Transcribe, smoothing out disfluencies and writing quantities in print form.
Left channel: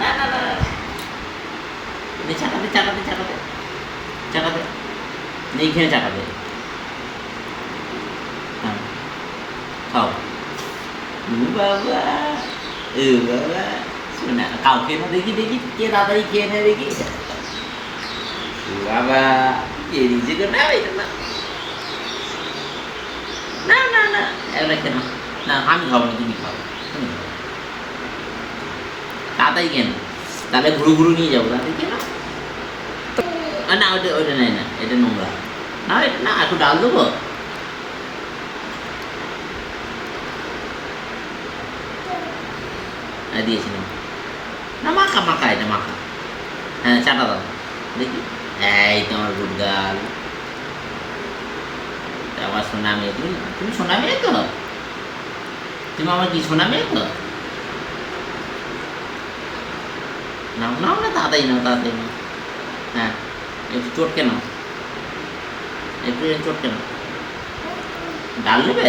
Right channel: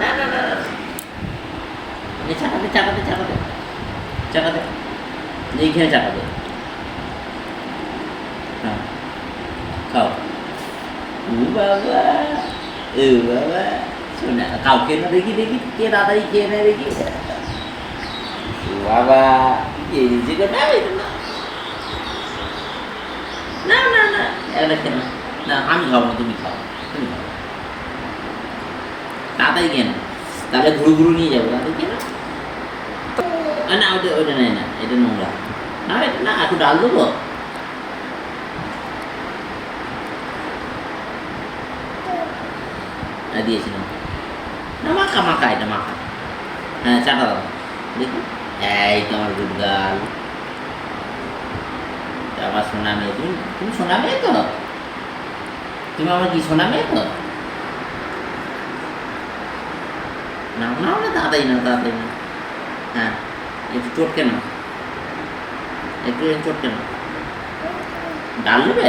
না না না না, চাকাতে চাকাতে চাকাতে চাকাতে, এইখানে চাকাতে। হ্যাঁ, খাও। ও বাবা, ও বাবা, শোনা কাউকে না, দেখি দেখি কে তাড়াতাড়ি খেয়ে নেয় দেখি। ও বাবা, এই যে না না না না না, এগুলো খেয়ে নাও। না আমি খাবো না, তুমি খাও, তুমি খাও, তাড়াতাড়ি খেয়ে নাও, তাহলে ঘুরু ঘুরু নিয়ে যাবো, তাড়াতাড়ি খেয়ে নাও। না ওইটা ওইটা নেই না, এটা নোংরা। না এটা না, একটু ডাল দেবো। দিয়েছিলাম না, মাখা মাখা, এটা মাখা। হ্যাঁ চাটা দাও দেখি। এই তোমার গুড গার্ল, আমার সোনা মেয়ে। তুমি তুমি সোনা মেয়ে তো, তুমি আমার কি সোনা মেয়ে তো। নাও নাও না, তাড়াতাড়ি নাও, তাড়াতাড়ি নাও। হ্যাঁ, একটু চটকে নাও, একটু চটকে নাও। ডাল নেবে?